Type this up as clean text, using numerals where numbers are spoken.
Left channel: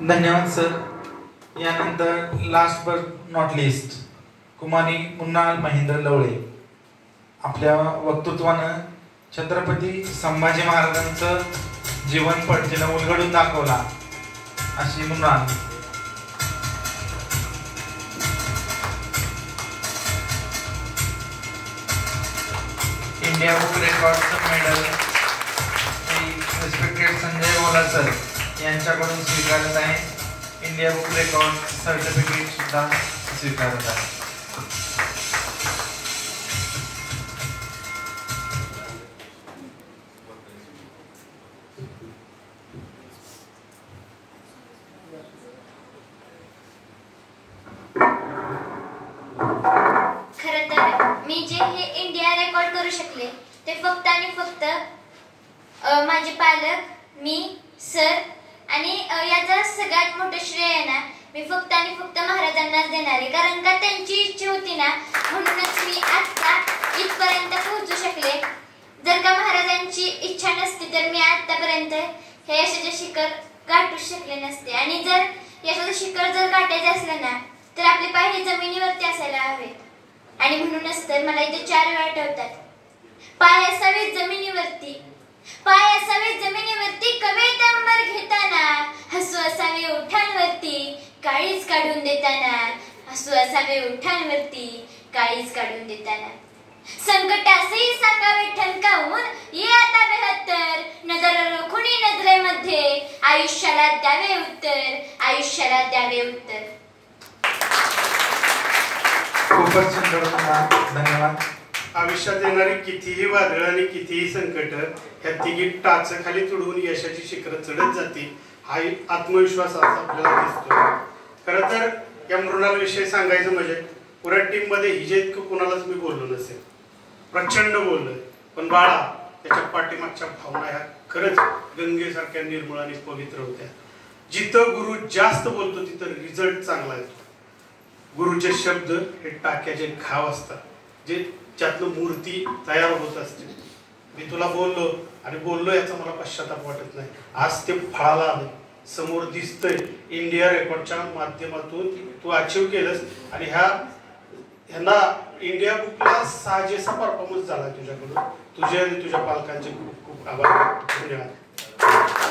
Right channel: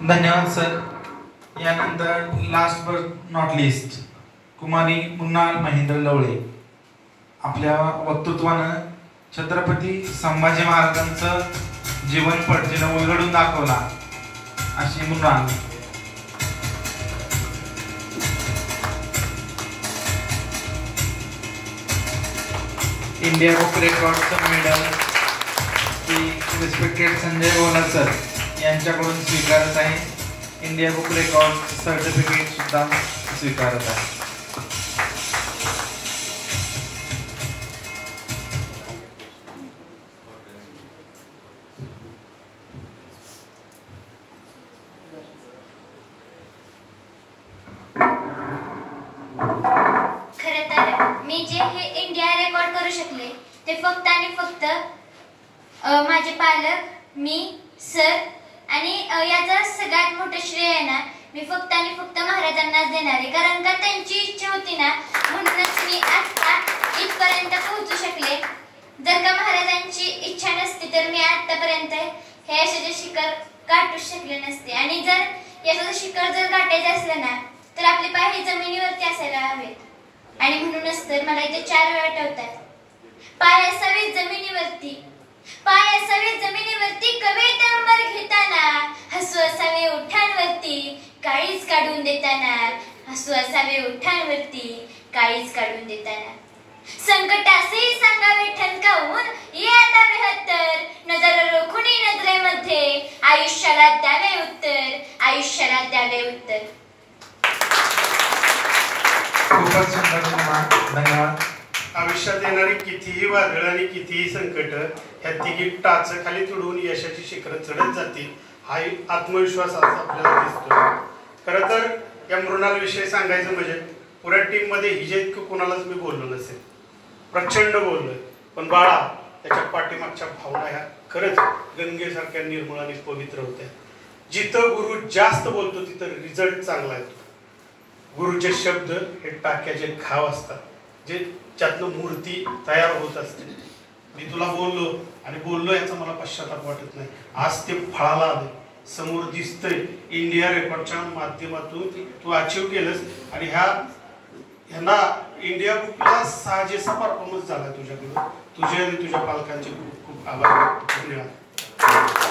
धन्यवाद सर. यानंतर last but not list कुमारी मुन्नाल महेंद्र लवळे आपल्या वक्तृत्वानं छत्रपती संभाजी महाराजांचं जीवन पटजीनं उलगडून दाखवला अशी मुन्नाल. इंडिया बुक रेकॉर्डचं medal respected Sanjay Ola sir यांच्याकडून स्वीकारत आहे. इंडिया बुक रेकॉर्ड सर्टिफिकेट सुद्धा स्वीकारत आहे. मी जे हे इंडिया रेकॉर्ड करू शकले ते फक्त आणि फक्त माझे पालक, मी, सर आणि याचा सगळ्यात मोठं श्रेय आहे ना मी फक्त आणि फक्त महाराजांनाच देणार आहे. कारण का त्यांची इच्छा होती ना म्हणूनच मी आता इथपर्यंत पोहोचू शकले. जर का महाराजांची इच्छा नसती तर मी आतापर्यंत हे यशाचे शिखर गाठू शकले नसते. आणि जर यशाचे शिखर जर गाठायचे असलं ना तर आपले पाय हे जमिनीवरती असायला हवेत. आणि म्हणूनच तर मला इथे 4 वेळा ठेवतात. पाय असावे जमिनीवरती, पाय असावे जमिनीवरती, कवेत अंबर घेताना, हसू असावे ओठांवरती, काळीज काढून देताना, हसू असावे ओठांवरती, काळीज काढून देताना. संकट असेही सांगावे ठणकावून, ये आता बेहत्तर, नजर रोखुनी नजरेमध्ये, आयुष्याला द्यावे उत्तर, आयुष्याला द्यावे उत्तर. खूपच सुंदर. धन्यवाद. आयुष्यात येणारी कितीही वादळ आणि कितीही संकट ह्या तिघी टाच खाली तुडवून यशाची शिखरं चढत जातील हा आत्मविश्वास आज आपल्याला दिसतो. खरं तर या मृणाल विषयी सांगायचं म्हणजे पुऱ्या टीम मध्ये हिजे इतकं कुणालाच मी बोललो नसेल. प्रचंड बोललोय पण बाळा त्याच्या पाठीमागच्या भावना ह्या खरंच गंगेसारख्या निर्मळ आणि पवित्र होत्या. जिथं गुरु जास्त बोलतो तिथं रिझल्ट चांगला येतो. गुरुचे शब्द हे टाक्याचे घाव असतात जे ज्यातलं मूर्ती तयार होत असते. मी तुला बोललो आणि बोललो याचा मला पश्चाताप वाटत नाही. आज ते फळाला आले, समोर दिसतंय. इंडिया रेकॉर्डच्या माध्यमातून तू अचीव केलंस आणि ह्यांना इंडिया बुकला साजेसा परफॉर्मन्स झाला तुझ्याकडून. तुझे आणि तुझ्या पालकांचे खूप खूप आभार. धन्यवाद.